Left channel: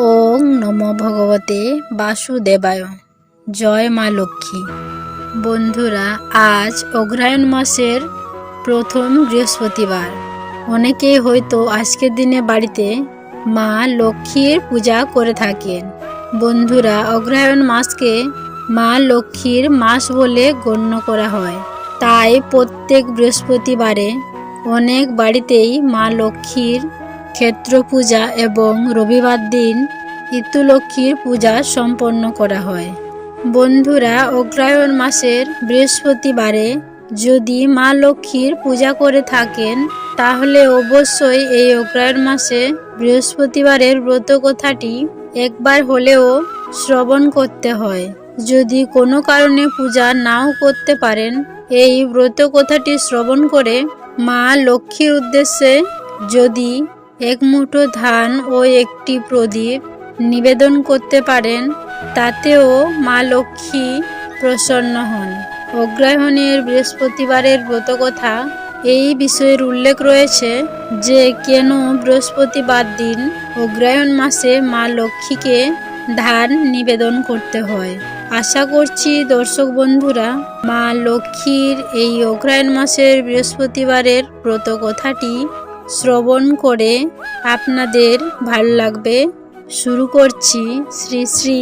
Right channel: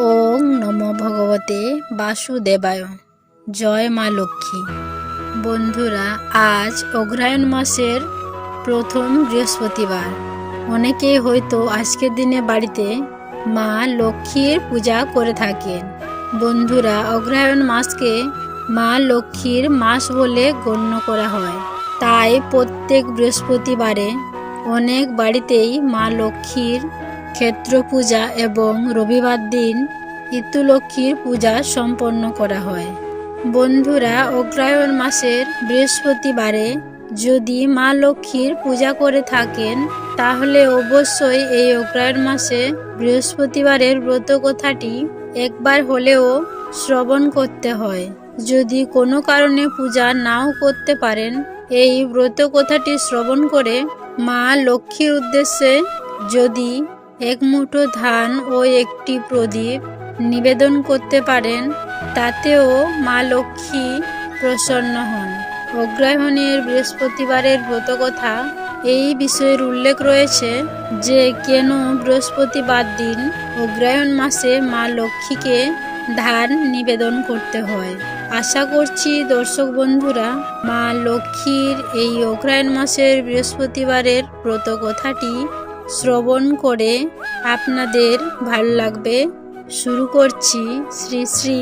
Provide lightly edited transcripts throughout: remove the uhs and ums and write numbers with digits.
ওং নমো ভগবতে বাসুদেবায়। জয় মা লক্ষ্মী। বন্ধুরা, আজ অগ্রহায়ণ মাসের প্রথম বৃহস্পতিবার। অনেকেই হয়তো আজকের দিনে বাড়িতে মা লক্ষ্মীর পূজা করে থাকেন। বন্ধুরা, অগ্রহায়ণ মাসকে মা লক্ষ্মীর মাস বলে গণ্য করা হয়। তাই প্রত্যেক বৃহস্পতিবারে অনেক বাড়িতেই মা লক্ষ্মীর ক্ষেত্র পূজা এবং রবিবার দিন ইতুলক্ষ্মীর পূজা সম্পন্ন করা হয়। বন্ধুরা, অগ্রহায়ণ মাসের বৃহস্পতিবারে যদি মা লক্ষ্মীর পূজা করে থাকেন তাহলে অবশ্যই এই অগ্রহায়ণ মাসে বৃহস্পতিবারের ব্রত কথাটি একবার হলেও শ্রবণ করতে হয়। যদি কোনো কারণে পূজা নাও করতে পারেন, এই ব্রত কথাটি শ্রবণ করে মা লক্ষ্মীর উদ্দেশ্যে যদি এক মুঠো ধান ও একটি প্রদীপ নিবেদন করতে পারেন, তাতেও মা লক্ষ্মী প্রসন্ন হন। অগ্রহায়ণের বৃহস্পতিবারের ব্রতকথা এই বিষয়ের উল্লেখ রয়েছে যে কেন বৃহস্পতিবার দিন অগ্রহায়ণ মাসে মা লক্ষ্মীকে ধান নিবেদন করতে হয়। আশা করছি দর্শক বন্ধুরা, মা লক্ষ্মীর এই অগ্রহায়ণ মাসের বৃহস্পতিবারের ব্রতকথাটি শ্রবণ করে আপনাদের ভালো লাগবে। শুরু করছি শ্রী শ্রী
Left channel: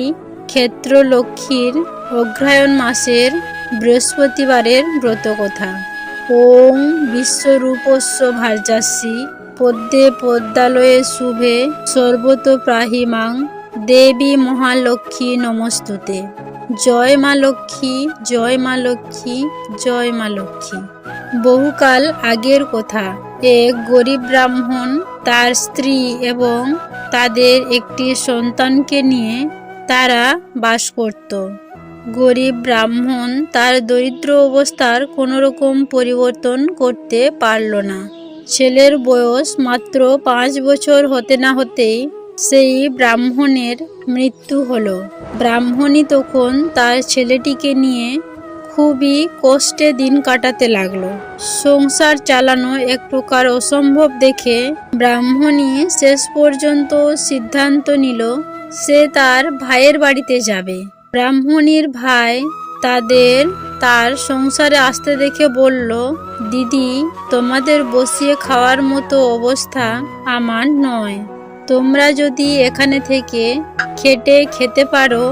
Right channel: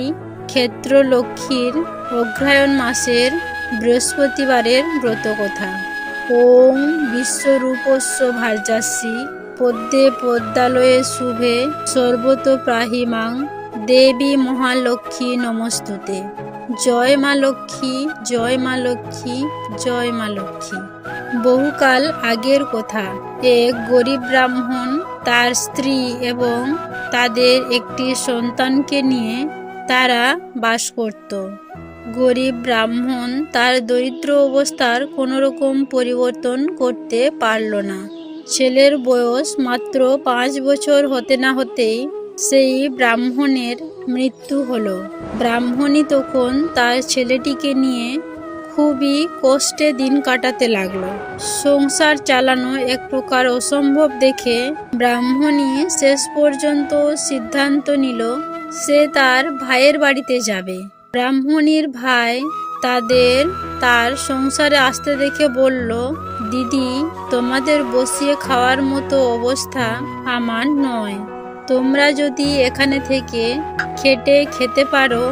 ক্ষেত্র লক্ষ্মীর অগ্রহায়ণ মাসের বৃহস্পতিবারের ব্রতকথা। ওং বিশ্বরূপস্য ভার্যাসি পদ্মে পদ্মালয়ে শুভে সর্বতোপ্রাহিমাং দেবী মহালক্ষ্মী নমস্তুতে। জয় মা লক্ষ্মী, জয় মা লক্ষ্মী, জয় মা লক্ষ্মী। বহুকাল আগের কথা, এক গরিব ব্রাহ্মণ তার স্ত্রী এবং তাদের একটি সন্তানকে নিয়ে তারা বাস করত। গরিব ব্রাহ্মণ তার দরিদ্র অবস্থার কোনো রকম পরিবর্তন করতে পারল না। ছেলের বয়স মাত্র 5 বছর হতে না হতেই সেই ব্রাহ্মণের মৃত্যু হলো। ব্রাহ্মণী তখন তার ছেলেটিকে নিয়ে খুবই কষ্টে দিন কাটাতে লাগলো। সংসার চালানো এক প্রকার অসম্ভব দেখে ব্রাহ্মণী শেষ পর্যন্ত সিদ্ধান্ত নিল সে তার ভাইয়ের বাড়িতে যাবে। ব্রাহ্মণীর ভাই তার সংসারে আসতে দেখে বলল, দিদি, তোমাদের বসিয়ে খাওয়ার মতো অবস্থা আমার নয়। তোমরা যদি এখানে থেকে খেটে খেতে পারো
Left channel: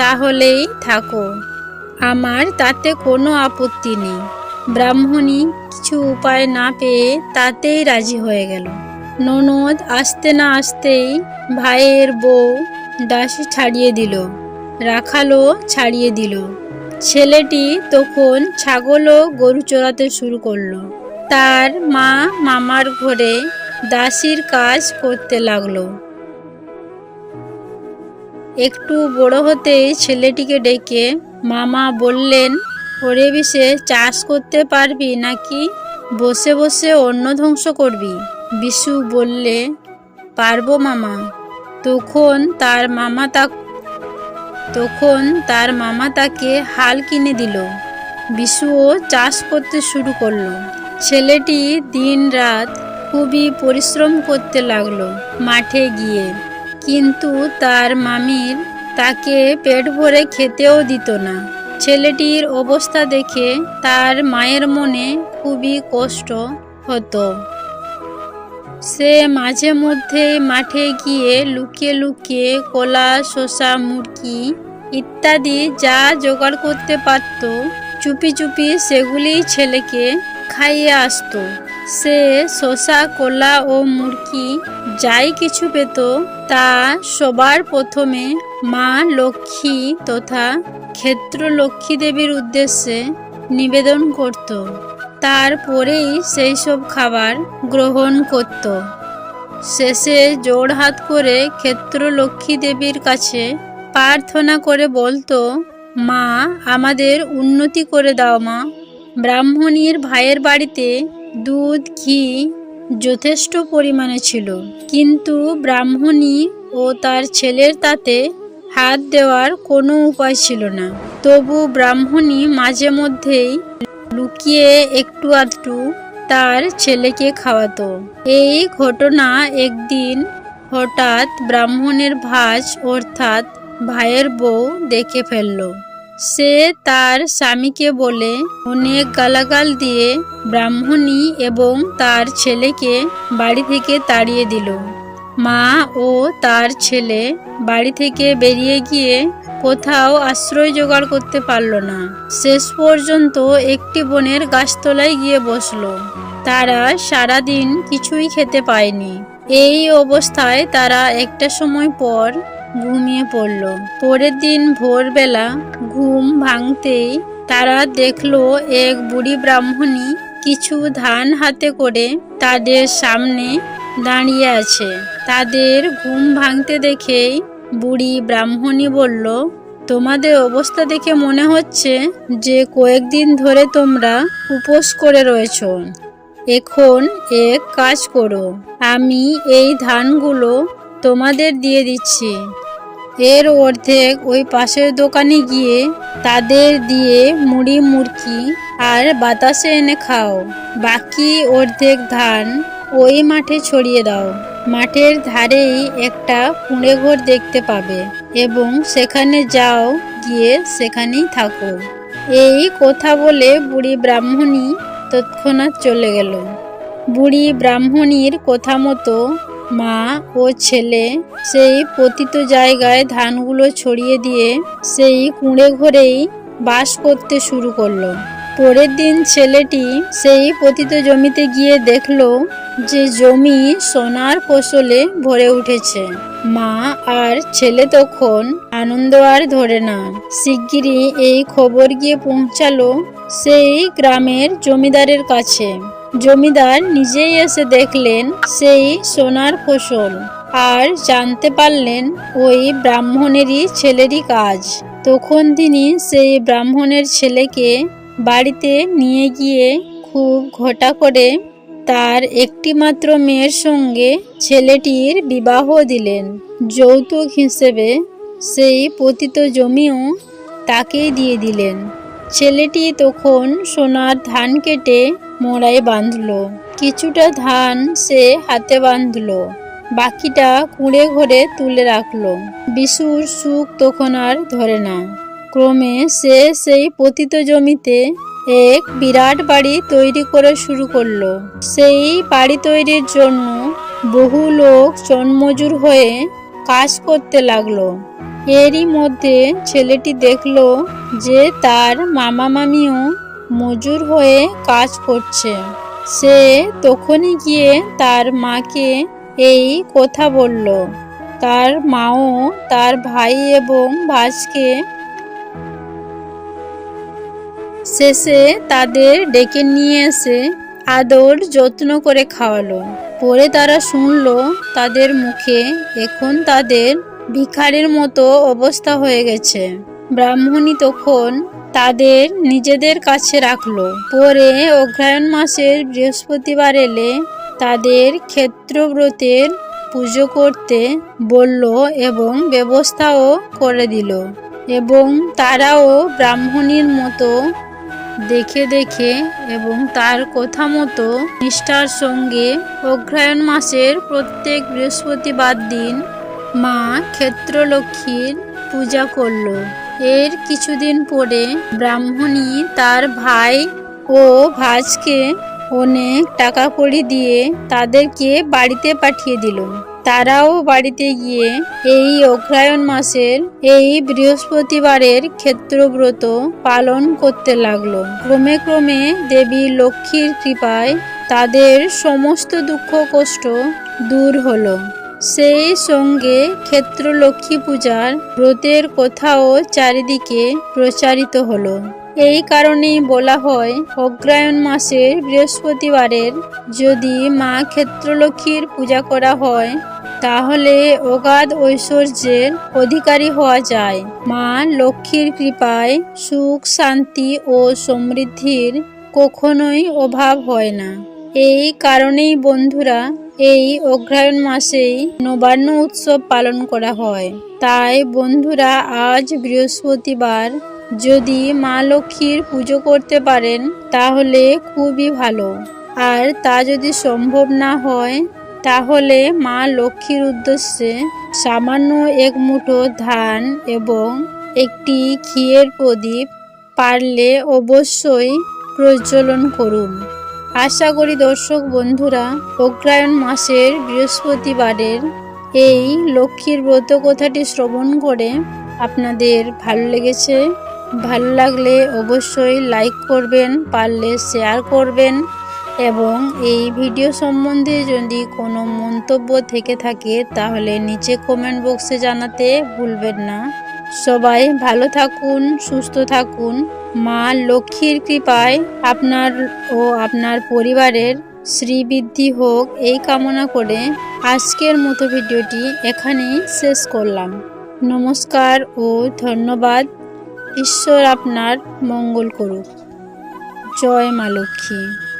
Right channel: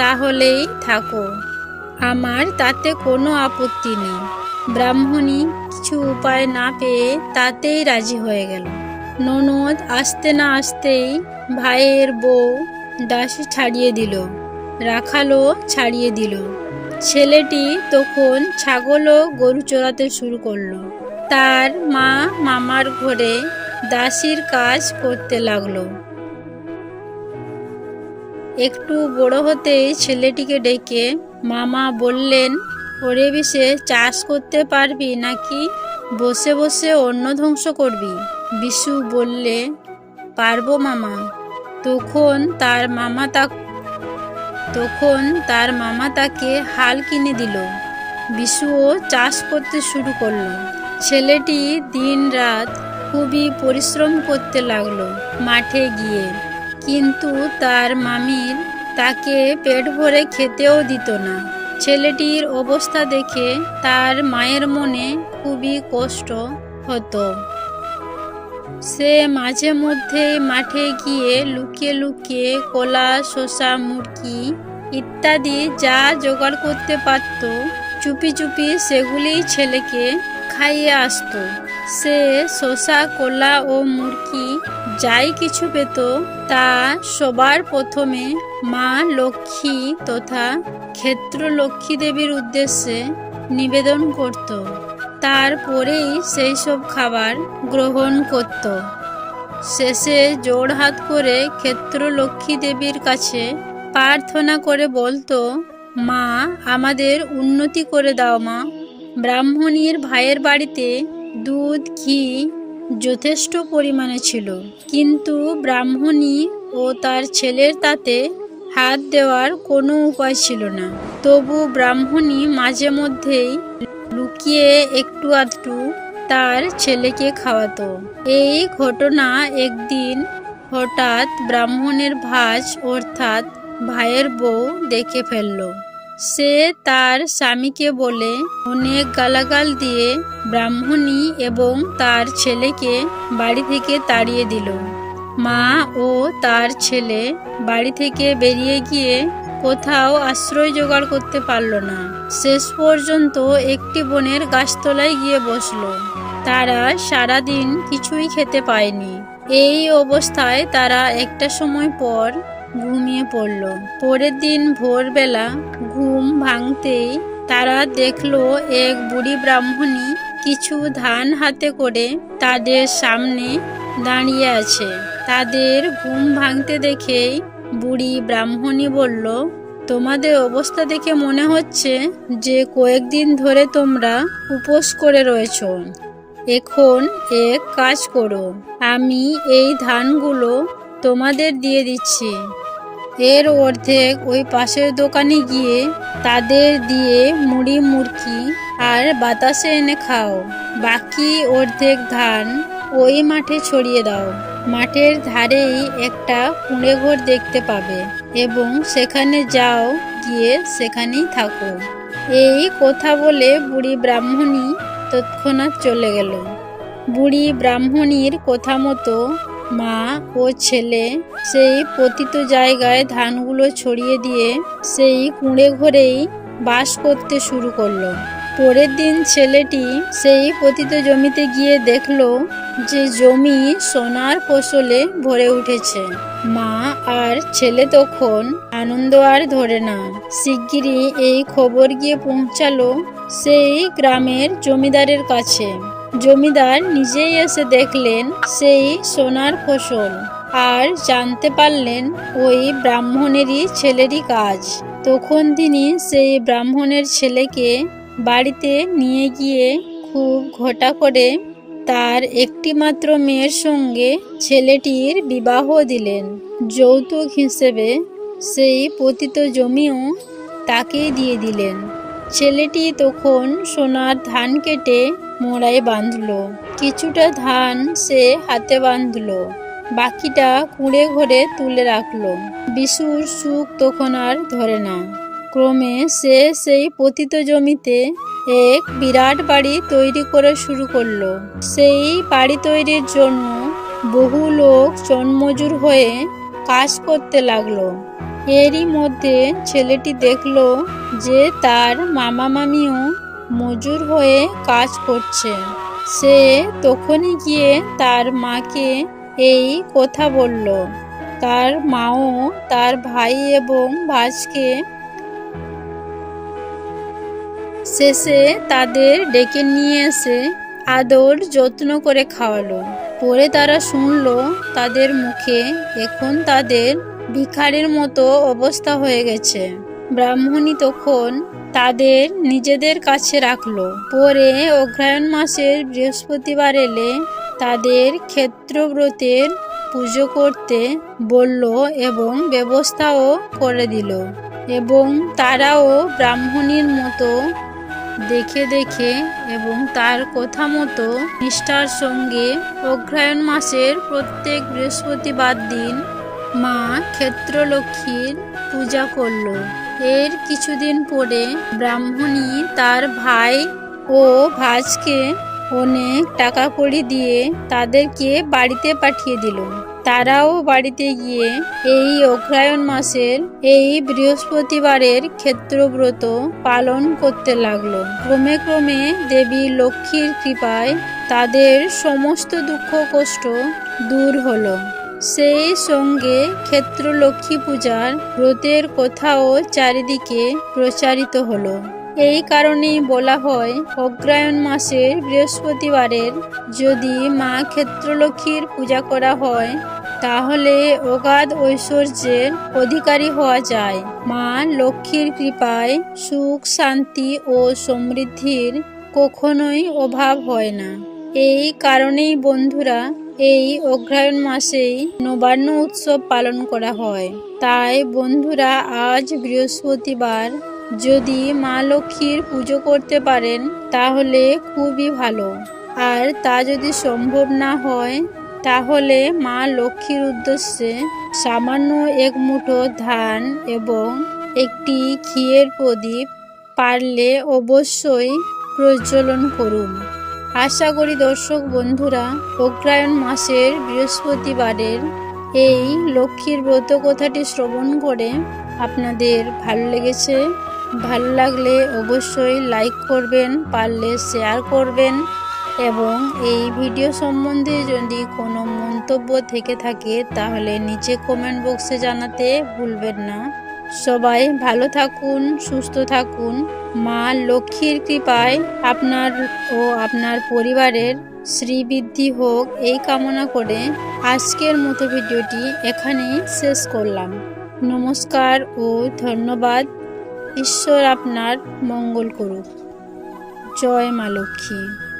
তাহলেই থাকো, আমার তাতে কোনো আপত্তি নেই। ব্রাহ্মণী কিছু উপায় না পেয়ে তাতেই রাজি হয়ে গেল। ননদ আসতে না আসতেই ভাইয়ের বউ দাসী ছাড়িয়ে দিল, রাখালও ছাড়িয়ে দিল। ছেলেটি তখন ছাগল ও গরু চড়াতে শুরু করলো। তার মা মামার ঘরে দাসীর কাজ করতে লাগলো। একটু বড় হতেই ছেলেটিকে ডেকে মামা বললেন, ওরে বিশে চাষ করতে পারবি নাকি বসে বসে অন্ন ধ্বংস করবি? বিশু বললে, পারবো মামা। তখন তার মামা তাকে হাল কিনে দিল। বিশুও চাষ করতে শুরু করলো। ছেলেটি দিন রাত খুবই পরিশ্রম করতে লাগলো মাঠে গিয়ে, কিন্তু তার মামির তাকে পেট ভরে খেতেও দিত না। ছেলেটির অবস্থা দেখে তার মায়ের মনে খুবই কষ্ট হতো। সে মাঝে মধ্যে মাঠে গিয়ে লুকিয়ে লুকিয়ে কলা, শসা, মুরগি ইত্যাদি যা জোগাড় করতে পারত, চুপি চুপি সেগুলি ছেলেকে খাইয়ে আসতো। সে শসা, কলা ও মুরগি যাই কিছু পেত তা সবার প্রথমে মা লক্ষ্মী তথা ক্ষেত্র লক্ষ্মী দেবীর উদ্দেশ্যে নিবেদন করত। তারপরেই সেই সব খাবার গ্রহণ করত। শেষে জোড়হাত করে ক্ষেত্র লক্ষ্মী দেবীর কাছে প্রার্থনা করে বলতো, মা, আমাদের উন্নতি করে দাও মা। ব্রাহ্মণীর ভাইয়ের বাড়িতে দুধ, ঘি যথেষ্ট পরিমাণে ছিল, কিন্তু ব্রাহ্মণী ও তার ছেলের তাতে হাত দেওয়ার কোনো উপায় ছিল না। তবু ব্রাহ্মণী মাঝে মধ্যেই লুকিয়ে একটু আধটু তার ছেলেকে খাওয়াতো। এই ঘটনা একদিন হঠাৎ ব্রাহ্মণের ভাজ অর্থাৎ ভাইয়ের বউ দেখে ফেলল। সে তার স্বামীকে বলে অনেক গালাগাল দিয়ে ব্রাহ্মণী এবং তার ছেলেকে বাড়ি থেকে তাড়িয়ে দিল। মা ও তার ছেলে বাড়ি থেকে বেরিয়ে গিয়ে কোথাও আশ্রয় জোগাড় করতে পারল না। শেষ পর্যন্ত একটি বনের গাছতলায় গিয়ে বসল। তারা সারাদিন কিছুই খেতে পায়নি। এই অবস্থায় তারা একটা সময় পর ঘুমিয়ে পড়ল। পরের দিন ভোরবেলা ঘুম ভাঙতেই তারা দেখলো এক বুড়ি ব্রাহ্মণী কিছু ধান হাতে করে তাদের সামনে দাঁড়িয়ে আছে। তাদের ঘুম ভাঙতে দেখেই বুড়ি ব্রাহ্মণী বলল, তোমাদের অবস্থা দেখে মনে হচ্ছে যে কয়েকদিন ধরে তোমরা উপোস করে রয়েছো। এখন এক কাজ করো, আমি এই ধানগুলো তোমাদের দিয়ে দিচ্ছি। এর অর্ধেক ওই পাশের দোকানে গিয়ে তাদের দিয়ে মুড়ি মুড়কি আর বাতাসে এনে খাও। বাকি অর্ধেক ধান ওই মাঠে ছড়িয়ে দাও। মাঠের ধারেই একটা কুঁড়ে ঘর দেখতে পাবে এবং সেখানে যাও, গিয়ে সেখানেই থাকো। এই কথা বলে বুড়ি ব্রাহ্মণী তৎক্ষণাৎ চলে গেল। বুড়ি ব্রাহ্মণীর কথা মতো মা ও ছেলে সেই পতিত জায়গায় ধানগুলো ছড়িয়ে দিয়ে সেই কুঁড়ে ঘরেই বাস করতে শুরু করলো। পরের দিন ছেলেটি সেই পতিত জমিতে গিয়ে দেখলো যে জমি সোনার ফসলে ভরে উঠেছে। মা আর ছেলে তখন আনন্দ আর ধরে না। শিগগিরই এই খবর গিয়ে পৌঁছালো সেই গ্রামের জমিদারের কাছে। জমিদার নিজেই এসে দেখলেন সেই সোনার ফসল আর জানতে পারলেন ওই ব্রাহ্মণেরই ছেলেরই কাজ। তখন তিনি সেই ব্রাহ্মণের ছেলেকে বাড়িতে নিয়ে গিয়ে খুব ঘটা করে তার একটিমাত্র মেয়ের সঙ্গে ছেলেটির বিবাহ দিলেন। যৌতুক হিসেবে সেই পতিত জমিও তাকেই দিয়ে দিলেন। ছেলেটি তখন সোনার ধান কেটে মোড়ায় বাঁধল। কিছুটা ধান সে হাতে বাঁধল, বাকিটা কুঁড়ে ঘরে তুলে রাখল। বিশুর সুখ তখন আর ধরে না। ক্রমে সে সেই পতিত জমিতে এক বিরাট বাড়ি তৈরি করে শুরু করলো। সেই বাড়ি তৈরির জন্য বহু লোক জনমজুর হয়ে কাজ করতে লাগলো। এরই মধ্যে ছেলেটি দেখলো যে তার মামা মামিও মজুর হয়ে কাজ করছে। সে তখনই গিয়ে তার মাকে এই কথা বলল। তার মাও তার ভাই এবং ভাইকে শেষে তাদের ডেকে নিয়ে এসে আদর যত্ন করে খাওয়ালো। পরে তারা শুনলো তাদের মুখে এখন তাদের ভিখারির মতো অবস্থা হয়ে গেছে। ব্রাহ্মণী তখন তাদের নিজেদের কাছে রাখলো। পরে অগ্রহায়ণ মাসের বৃহস্পতিবার এলে তাদের ক্ষেত্রব্রতের পুজো করতে বলল এবং ব্যবস্থাও করে দিল। এবং তারাও ব্রাহ্মণীর মতো দেখে এবং তার কথা মতো নিষ্ঠার সঙ্গে অগ্রহায়ণ মাসের প্রত্যেক বৃহস্পতিবার দিন মা ক্ষেত্রলক্ষ্মীর পূজা করল। এর কিছুদিন পরে ব্রাহ্মণী তার ভাই ও ভাইকে অনেক টাকা কড়ি দিয়ে তাদেরকে বাড়িতে পাঠিয়ে দিল। তারাও বাড়িতে গিয়ে এই অগ্রহায়ণ মাসের এই বৃহস্পতিবারের ক্ষেত্রব্রত পালন করতে লাগলো। ক্রমে ক্রমে দেবী লক্ষ্মীর কৃপায় তাদের সমস্ত দুঃখ কষ্ট দূর হলো। সেই সঙ্গে ক্ষেত্রলক্ষ্মী পূজার ব্রতের কথাও চারিদিকে প্রচারিত হলো। এই কারণেই বলা হয় অগ্রহায়ণ মাসের বৃহস্পতিবারের যদি মা ক্ষেত্রলক্ষ্মীর পূজা করা হয় তাহলে অগাধ ঐশ্বর্যের অধিকারী হওয়া যায়। মা লক্ষ্মীর কৃপায় সুখ শান্তি ও সমৃদ্ধির কখনোই অভাব হয় না। এই কারণেই বন্ধুরা এই অগ্রহায়ণ মাসেই নবান্ন উৎসব পালন করা হয়। তাই বন্ধুরা আজ বৃহস্পতিবার যদি মা লক্ষ্মীর পুজো করতে পারেন তাহলে খুবই ভালো। আর তা যদি সম্ভব না হয় তাহলে মা লক্ষ্মীর উদ্দেশ্যে সামান্য এক মুঠো ধান এবং একটি ঘিয়ের প্রদীপ পারলে অবশ্যই প্রজ্বলন করুন। আশা করি দর্শক বন্ধুরা অগ্রহায়ণ মাসের বৃহস্পতিবারের এই লক্ষ্মীর ব্রত কথাটি শ্রবণ করে আপনাদের ভালো লেগেছে। ভালো লাগলে অবশ্যই লাইক করবেন, পারলে শেয়ার করবেন এবং এই ভিডিও সম্বন্ধে যদি কোনো মন্তব্য থেকে থাকে তাহলে নিচে কমেন্ট বক্সে জানাতে ভুলবেন না। সবাই ভালো থাকুন, সুস্থ থাকুন। মা লক্ষ্মীর কৃপায় আপনার ও আপনার পরিবারের শ্রীবৃদ্ধি হোক এই কামনা করে আজকের মতো ভিডিওটি এখানেই শেষ করলাম। নমস্কার ও ধন্যবাদ। ঈশ্বর আপনার মঙ্গল করুক। জয় মা লক্ষ্মী।